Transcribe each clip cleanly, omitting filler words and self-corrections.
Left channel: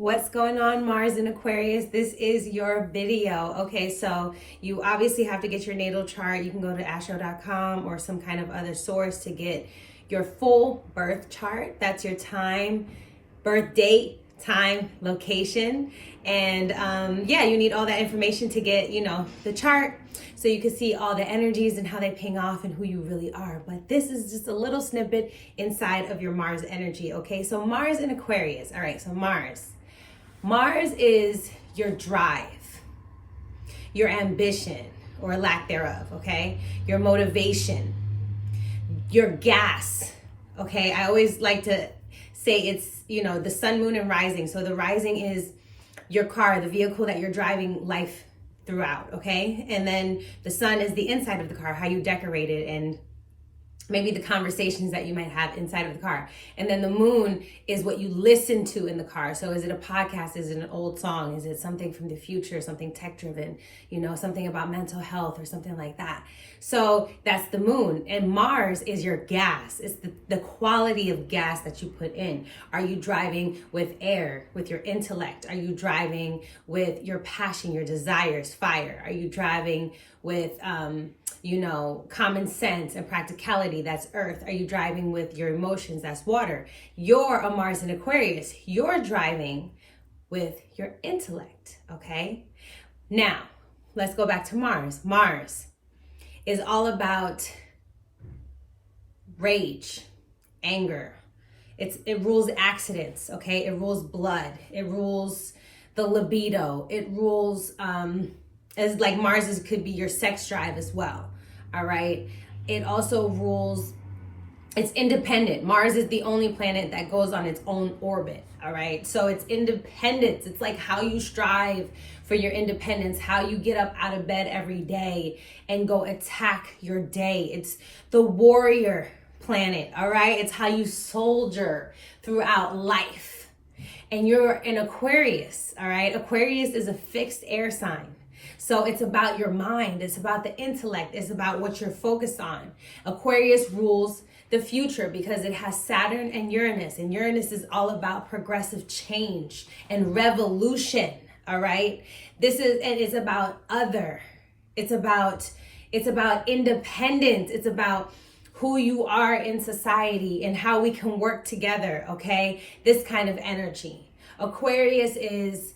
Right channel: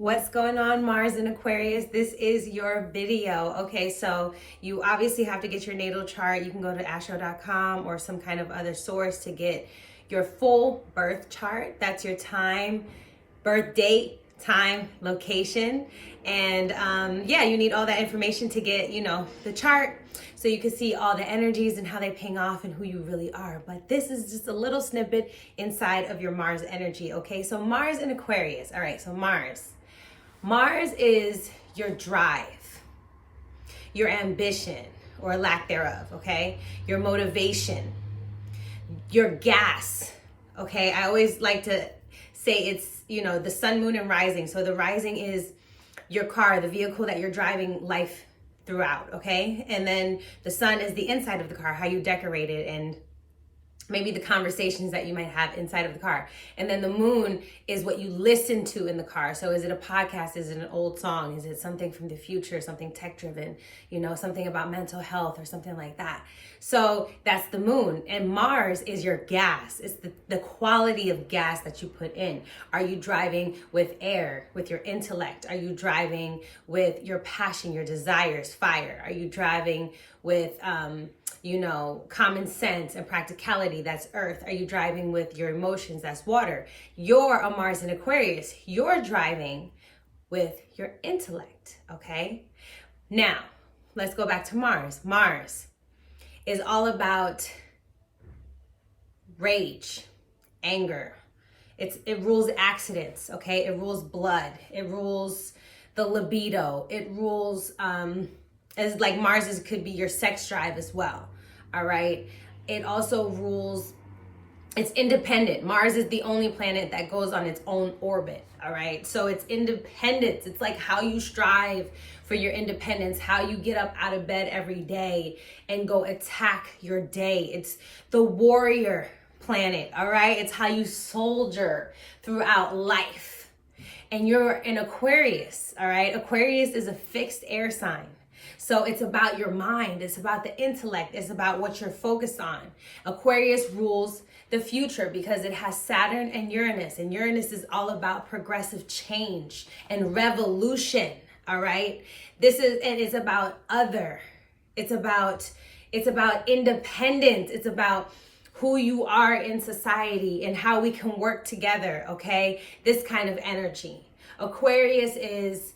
What's going on, Mars and Aquarius? This is your video. Okay, so you obviously have to get your natal chart. You can go to astro.com or some kind of other source to get your full birth chart. That's your time, birth date, time, location. And yeah, you need all that information to get, the chart so you can see all the energies and how they ping off and who you really are. But this is just a little snippet inside of your Mars energy. Okay, so Mars and Aquarius. All right, so Mars is your drive, your ambition or lack thereof, okay? Your motivation, your gas, okay? I always like to say it's, the sun, moon, and rising. So the rising is your car, the vehicle that you're driving life throughout, okay? And then the sun is the inside of the car, how you decorate it, and maybe the conversations that you might have inside of the car. And then the moon is what you listen to in the car. So is it a podcast? Is it an old song? Is it something from the future, something tech driven, something about mental health or something like that? So that's the moon. And Mars is your gas. It's the quality of gas that you put in. Are you driving with air, with your intellect? Are you driving with your passion, your desires, fire? Are you driving with, common sense and practicality? That's earth. Are you driving with your emotions? That's water. You're a Mars and Aquarius. You're driving with your intellect, okay? Now, let's go back to Mars. Mars is all about rage, anger. It rules accidents, okay? It rules blood. It rules the libido. It rules, as like Mars could be your sex drive as well. All right. It also rules, it's independent. Mars is the only planet that goes on its own orbit. All right. So it's independence. It's like how you strive for your independence, how you get up out of bed every day and go attack your day. It's the warrior planet. All right. It's how you soldier throughout life. And you're an Aquarius. All right. Aquarius is a fixed air sign. So it's about your mind. It's about the intellect. It's about what you're focused on. Aquarius rules the future because it has Saturn and Uranus. And Uranus is all about progressive change and revolution. All right. It's about other. It's about independence. It's about who you are in society and how we can work together. Okay. This kind of energy. Aquarius is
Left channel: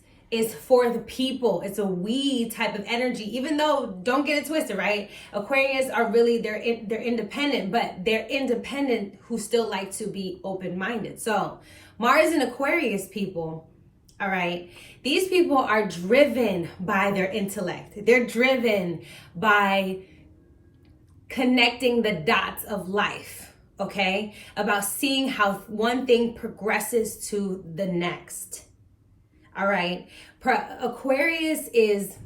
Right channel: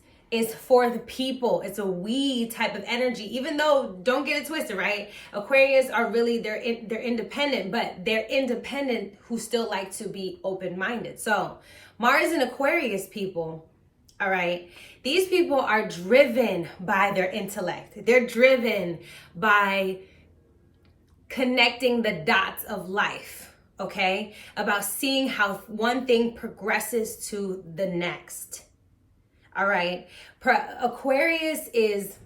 for the people. It's a we type of energy, even though, don't get it twisted, right? Aquarius are really, they're independent, but they're independent who still like to be open-minded. So Mars and Aquarius people, all right, these people are driven by their intellect. They're driven by connecting the dots of life, okay? About seeing how one thing progresses to the next. All right. Aquarius is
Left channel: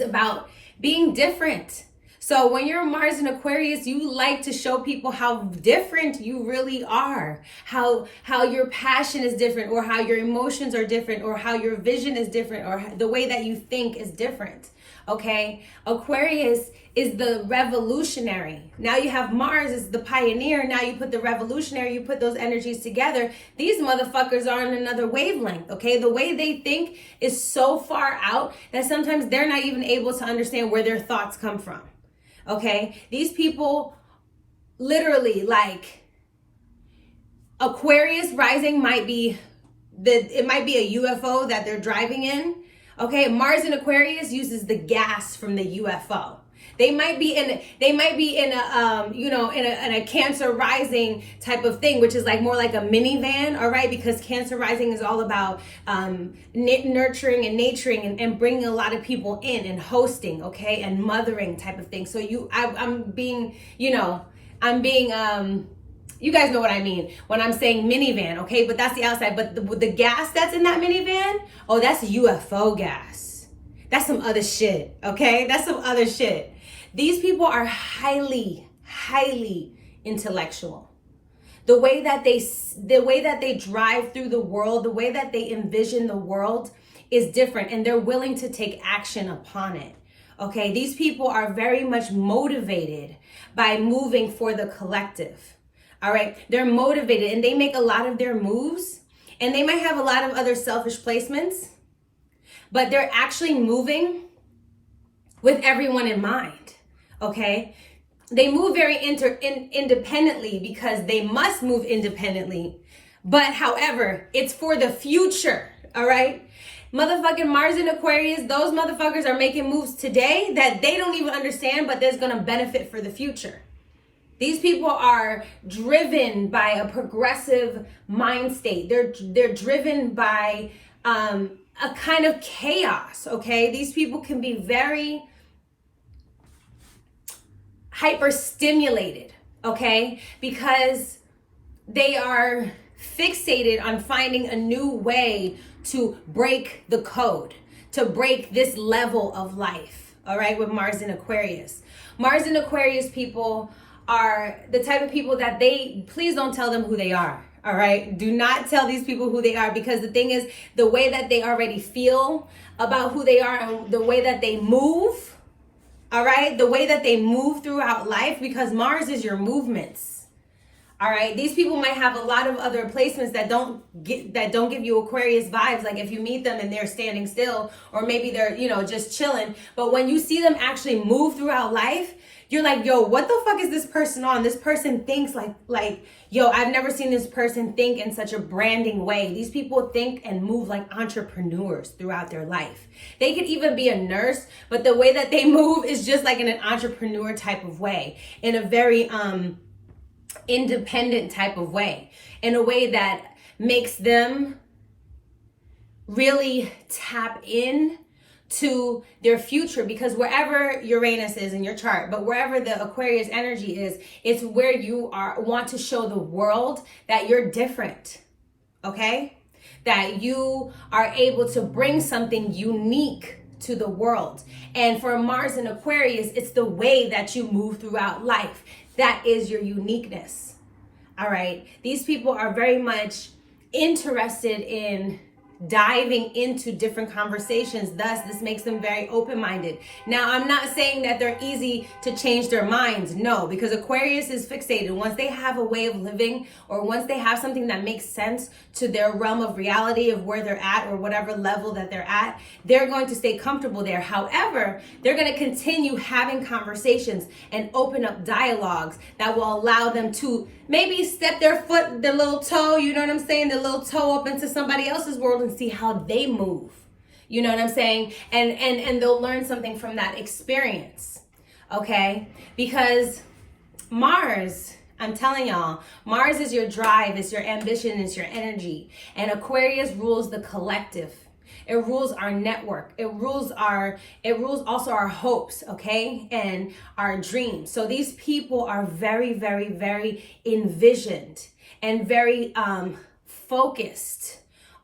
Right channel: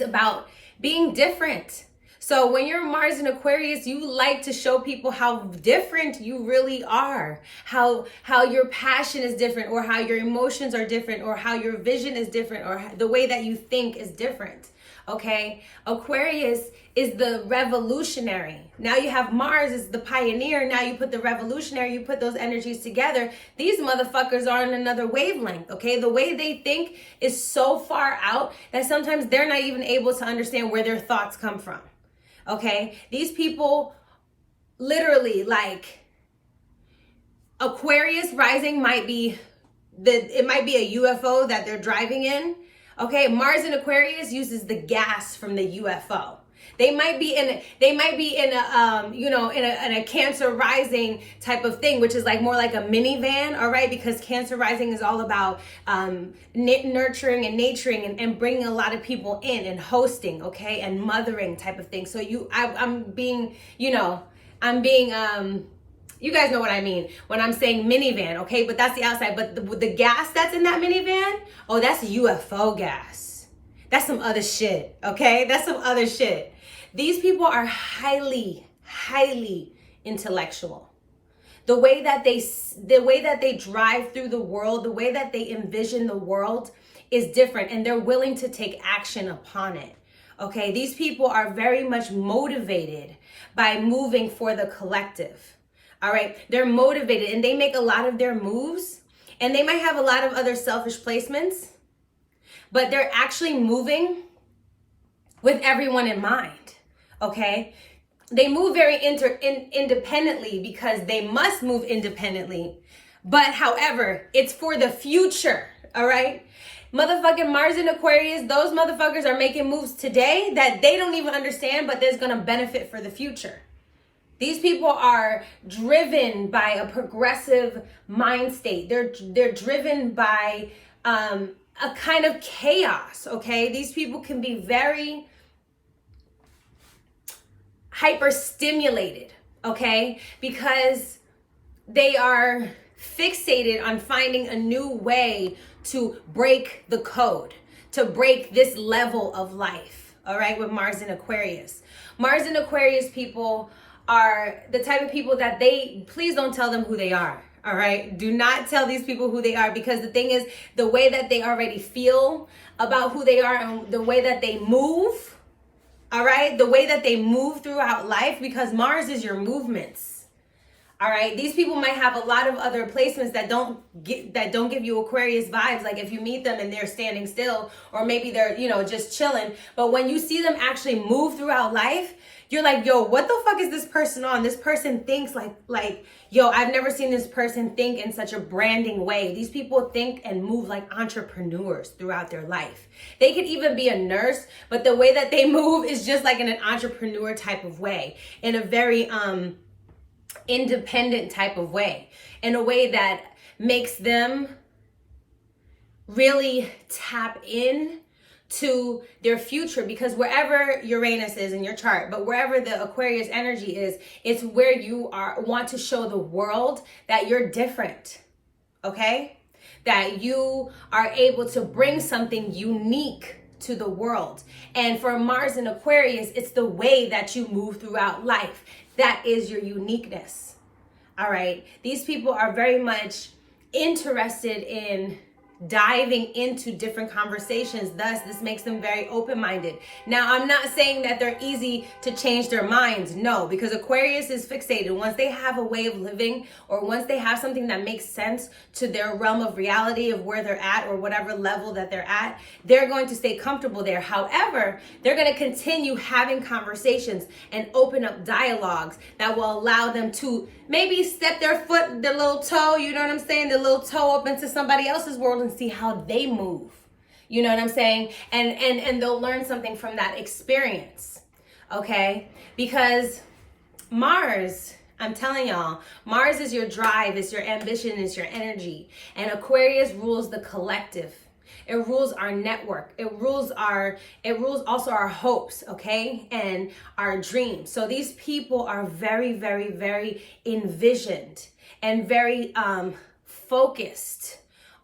about being different. So when you're Mars and Aquarius, you like to show people how different you really are, how your passion is different, or how your emotions are different, or how your vision is different, or the way that you think is different. Okay. Aquarius is the revolutionary. Now you have Mars is the pioneer. Now you put the revolutionary, you put those energies together. These motherfuckers are on another wavelength. Okay. The way they think is so far out that sometimes they're not even able to understand where their thoughts come from. Okay. These people literally, like, Aquarius rising might be a UFO that they're driving in. Okay, Mars and Aquarius uses the gas from the UFO. They might be in a Cancer rising type of thing, which is like more like a minivan, all right? Because Cancer rising is all about nurturing and naturing and bringing a lot of people in and hosting, okay, and mothering type of thing. So you guys know what I mean when I'm saying minivan, okay? But that's the outside. But the gas that's in that minivan, oh, that's UFO gas. That's some other shit, okay? That's some other shit. These people are highly, highly intellectual. The way that they drive through the world, the way that they envision the world is different, and they're willing to take action upon it. Okay, these people are very much motivated by moving for the collective. All right, they're motivated and they make a lot of their moves And they might have a lot of other selfish placements, but they're actually moving with everyone in mind, okay? They move very independently because they must move independently. But however, it's for the future, all right? Motherfucking Mars in Aquarius, those motherfuckers are making moves today that they don't even understand, but there's gonna benefit for the future. These people are driven by a progressive mind state. They're driven by a kind of chaos, okay? These people can be very hyper stimulated, okay? Because they are fixated on finding a new way to break the code, to break this level of life, all right, with Mars in Aquarius. Mars in Aquarius people are the type of people that please don't tell them who they are, all right? Do not tell these people who they are, because the thing is, the way that they already feel about who they are and the way that they move, all right, the way that they move throughout life, because Mars is your movements. All right, these people might have a lot of other placements that don't give you Aquarius vibes. Like if you meet them and they're standing still, or maybe they're, just chilling. But when you see them actually move throughout life, you're like, yo, what the fuck is this person on? This person thinks like, yo, I've never seen this person think in such a branding way. These people think and move like entrepreneurs throughout their life. They could even be a nurse, but the way that they move is just like in an entrepreneur type of way, in a very, independent type of way, in a way that makes them really tap in to their future, because wherever Uranus is in your chart, but wherever the Aquarius energy is, it's where you want to show the world that you're different, okay? That you are able to bring something unique to the world. And for Mars in Aquarius, it's the way that you move throughout life. That is your uniqueness. All right. These people are very much interested in diving into different conversations. Thus, this makes them very open-minded. Now, I'm not saying that they're easy to change their minds. No, because Aquarius is fixated. Once they have a way of living, or once they have something that makes sense to their realm of reality of where they're at, or whatever level that they're at, they're going to stay comfortable there. However, they're going to continue having conversations and open up dialogues that will allow them to maybe step their little toe, you know what I'm saying, their little toe up into somebody else's world and see how they move. You know what I'm saying? And they'll learn something from that experience. Okay? Because Mars, I'm telling y'all, Mars is your drive, it's your ambition, it's your energy. And Aquarius rules the collective. It rules our network. It rules also our hopes, okay? And our dreams. So these people are very, very, very envisioned and very focused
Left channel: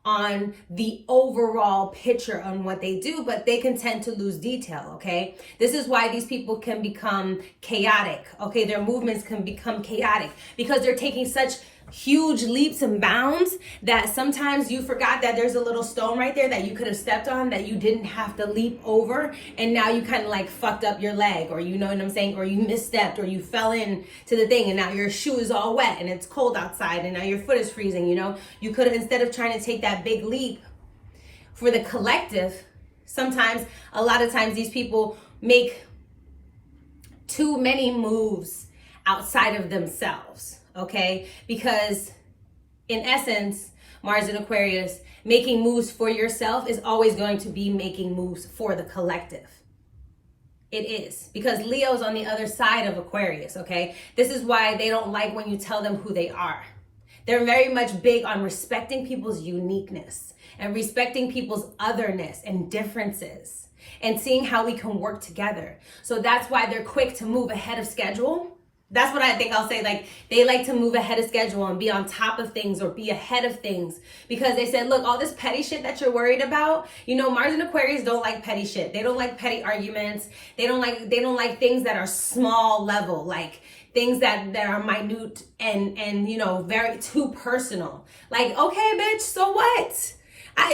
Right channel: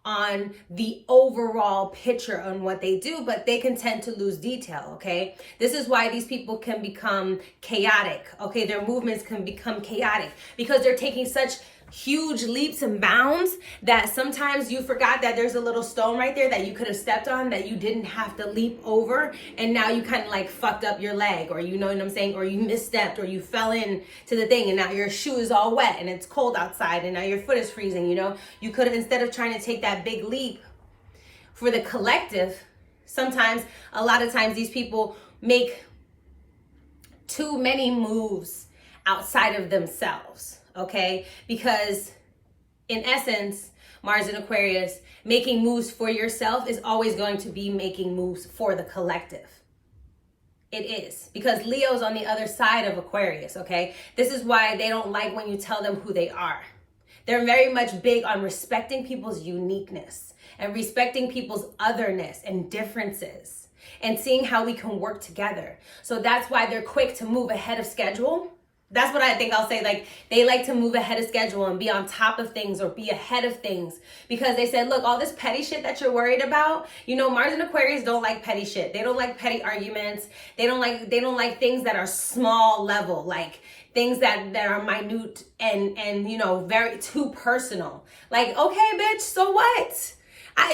on the overall picture on what they do, but they can tend to lose detail, okay? This is why these people can become chaotic, okay? Their movements can become chaotic because they're taking such huge leaps and bounds that sometimes you forgot that there's a little stone right there that you could have stepped on that you didn't have to leap over, and now you kind of like fucked up your leg, or you know what I'm saying, or you misstepped, or you fell in to the thing and now your shoe is all wet and it's cold outside and now your foot is freezing. You could have, instead of trying to take that big leap for the collective, a lot of times these people make too many moves outside of themselves. Okay, because in essence, Mars in Aquarius, making moves for yourself is always going to be making moves for the collective. It is, because Leo's on the other side of Aquarius, okay? This is why they don't like when you tell them who they are. They're very much big on respecting people's uniqueness and respecting people's otherness and differences and seeing how we can work together. So that's why they're quick to move ahead of schedule. That's what I think I'll say. Like, they like to move ahead of schedule and be on top of things or be ahead of things, because they said, look, all this petty shit that you're worried about, Mars and Aquarius don't like petty shit. They don't like petty arguments. They don't like things that are small level, like things that are minute and very too personal. Like, okay, bitch, so what?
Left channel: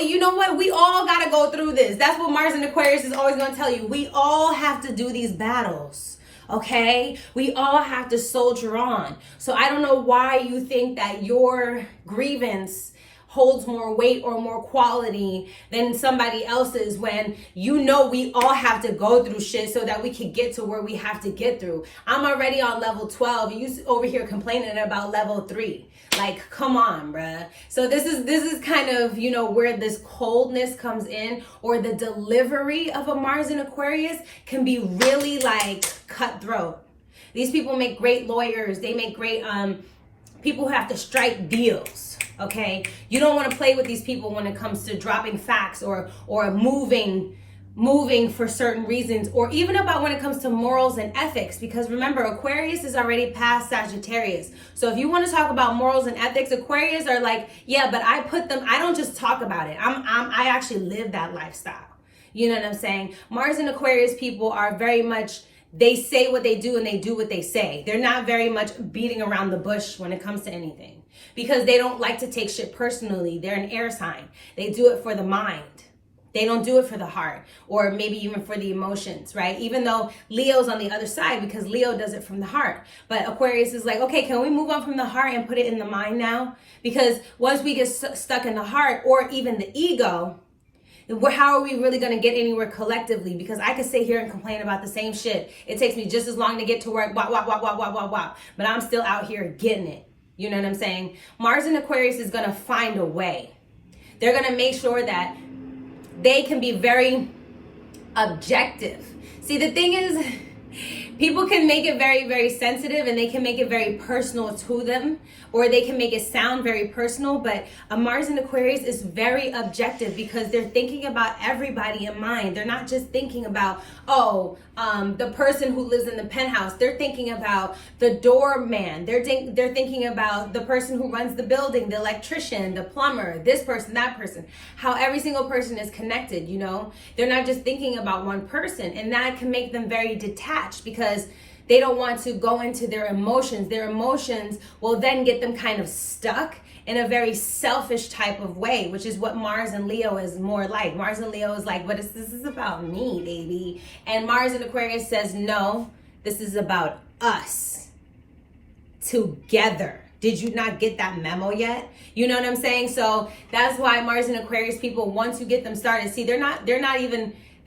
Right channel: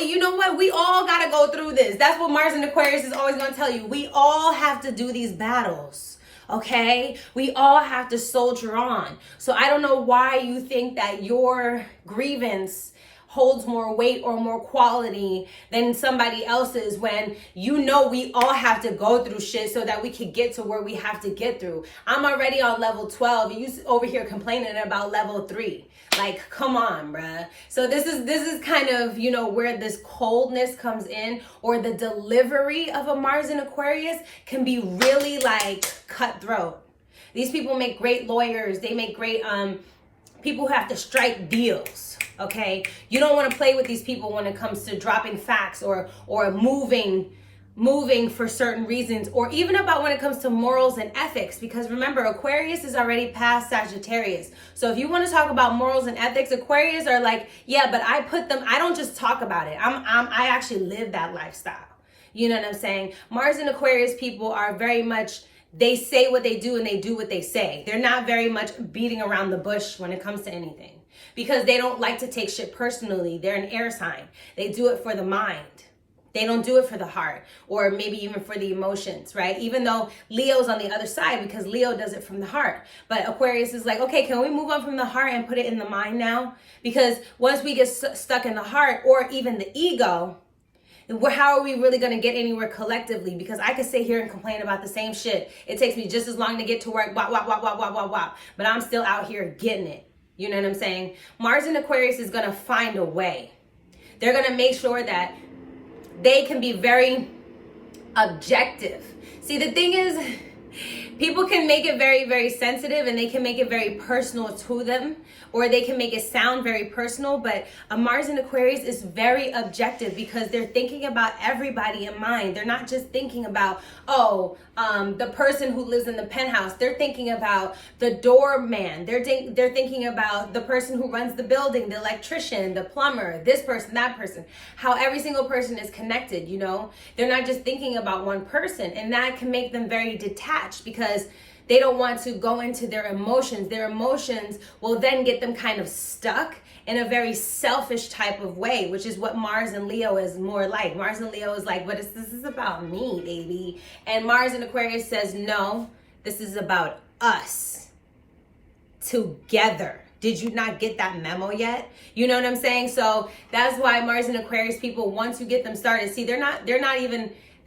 You know what? We all got to go through this. That's what Mars and Aquarius is always going to tell you. We all have to do these battles. Okay, we all have to soldier on. So I don't know why you think that your grievance holds more weight or more quality than somebody else's, when you know we all have to go through shit so that we can get to where we have to get through. I'm already on level 12. You over here complaining about level 3. Like, come on, bruh. So this is kind of, you know, where this coldness comes in, or the delivery of a Mars in Aquarius can be really like cutthroat. These people make great lawyers. They make great people who have to strike deals. Okay, you don't want to play with these people when it comes to dropping facts or moving for certain reasons, or even about when it comes to morals and ethics, because remember, Aquarius is already past Sagittarius. So if you want to talk about morals and ethics, Aquarius are like, yeah, but I don't just talk about it. I actually live that lifestyle. You know what I'm saying? Mars and Aquarius people are very much, they say what they do and they do what they say. They're not very much beating around the bush when it comes to anything, because they don't like to take shit personally. They're an air sign. They do it for the mind. They don't do it for the heart, or maybe even for the emotions, right? Even though Leo's on the other side, because Leo does it from the heart. But Aquarius is like, okay, can we move on from the heart and put it in the mind now? Because once we get stuck in the heart, or even the ego, how are we really going to get anywhere collectively? Because I can sit here and complain about the same shit. It takes me just as long to get to work, but I'm still out here getting it. You know what I'm saying? Mars in Aquarius is going to find a way. They're going to make sure that they can be very objective. See, the thing is, people can make it very, very sensitive, and they can make it very personal to them, or they can make it sound very personal. But a Mars in Aquarius is very objective, because they're thinking about everybody in mind. They're not just thinking about, the person who lives in the penthouse. They're thinking about the doorman. They're thinking about the person who runs the building, the electrician, the plumber, this person, that person, how every single person is connected, you know? They're not just thinking about one person, and that can make them very detached, because they don't want to go into their emotions. Their emotions will then get them kind of stuck in a very selfish type of way, which is what Mars and Leo is more like. Mars and Leo is like, this is about me, baby. And Mars in Aquarius says, no, this is about us together. Did you not get that memo yet? You know what I'm saying? So that's why Mars and Aquarius people, once you get them started, see, they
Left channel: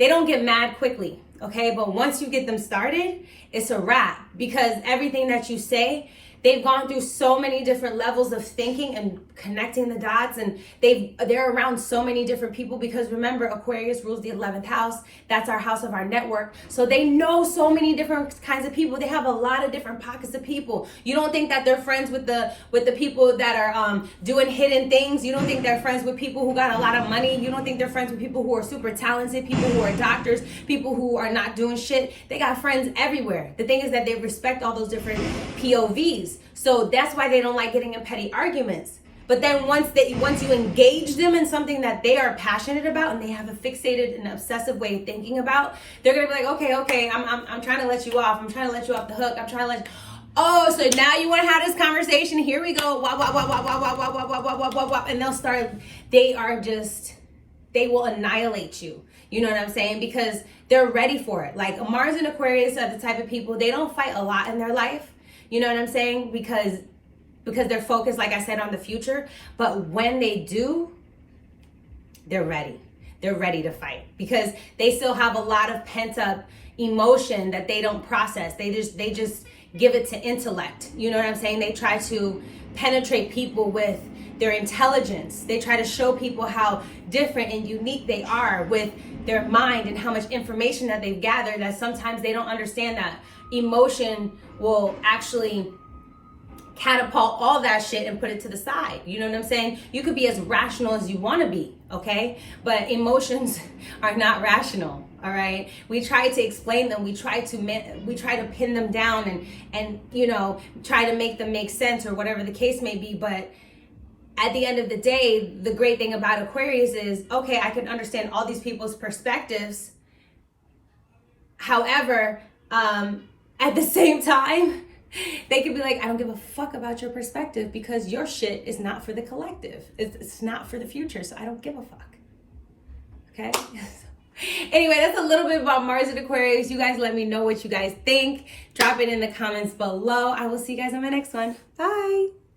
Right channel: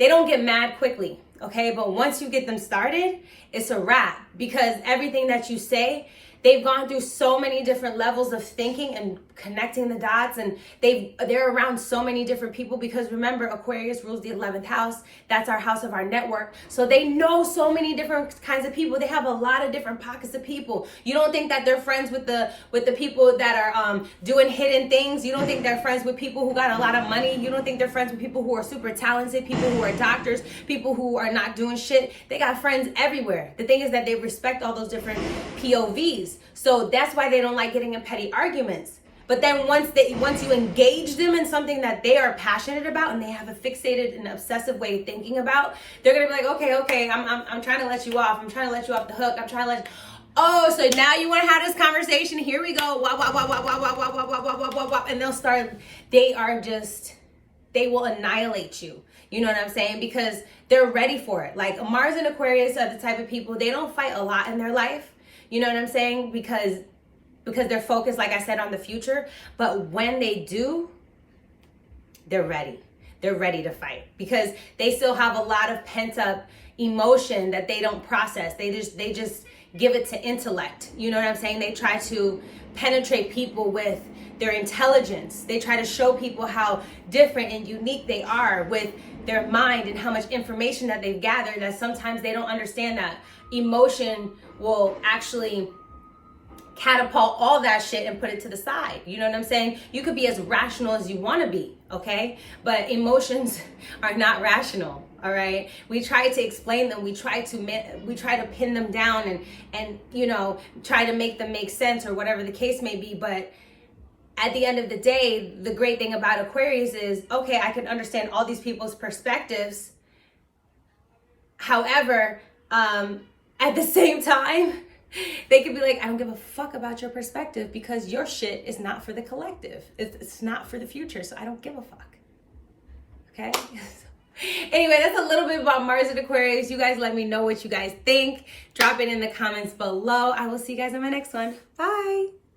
don't get mad quickly. Okay, but once you get them started, it's a wrap, because everything that you say, they've gone through so many different levels of thinking and connecting the dots, and they're around so many different people, because remember, Aquarius rules the 11th house. That's our house of our network. So they know so many different kinds of people. They have a lot of different pockets of people. You don't think that they're friends with the people that are doing hidden things. You don't think they're friends with people who got a lot of money. You don't think they're friends with people who are super talented, people who are doctors, people who are not doing shit. They got friends everywhere. The thing is that they respect all those different POVs. So that's why they don't like getting in petty arguments. But then once you engage them in something that they are passionate about, and they have a fixated and obsessive way of thinking about, they're gonna be like, okay, I'm trying to let you off. I'm trying to let you off the hook. I'm trying to let you. Oh, so now you want to have this conversation? Here we go. And they'll start. They will annihilate you. You know what I'm saying? Because they're ready for it. Like Mars and Aquarius are the type of people, they don't fight a lot in their life. You know what I'm saying? Because they're focused, like I said, on the future. But when they do, they're ready. They're ready to fight, because they still have a lot of pent up emotion that they don't process. They just give it to intellect. You know what I'm saying? They try to penetrate people with their intelligence. They try to show people how different and unique they are with their mind, and how much information that they've gathered, that sometimes they don't understand that emotion will actually catapult all that shit and put it to the side. You know what I'm saying? You could be as rational as you want to be, okay? But emotions are not rational, all right? We try to explain them. We try to pin them down and you know, try to make them make sense, or whatever the case may be. But at the end of the day, the great thing about Aquarius is, okay, I can understand all these people's perspectives. However, at the same time, they could be like, I don't give a fuck about your perspective, because your shit is not for the collective. It's not for the future, so I don't give a fuck. Okay? Anyway, that's a little bit about Mars and Aquarius. You guys let me know what you guys think. Drop it in the comments below. I will see you guys on my next one. Bye.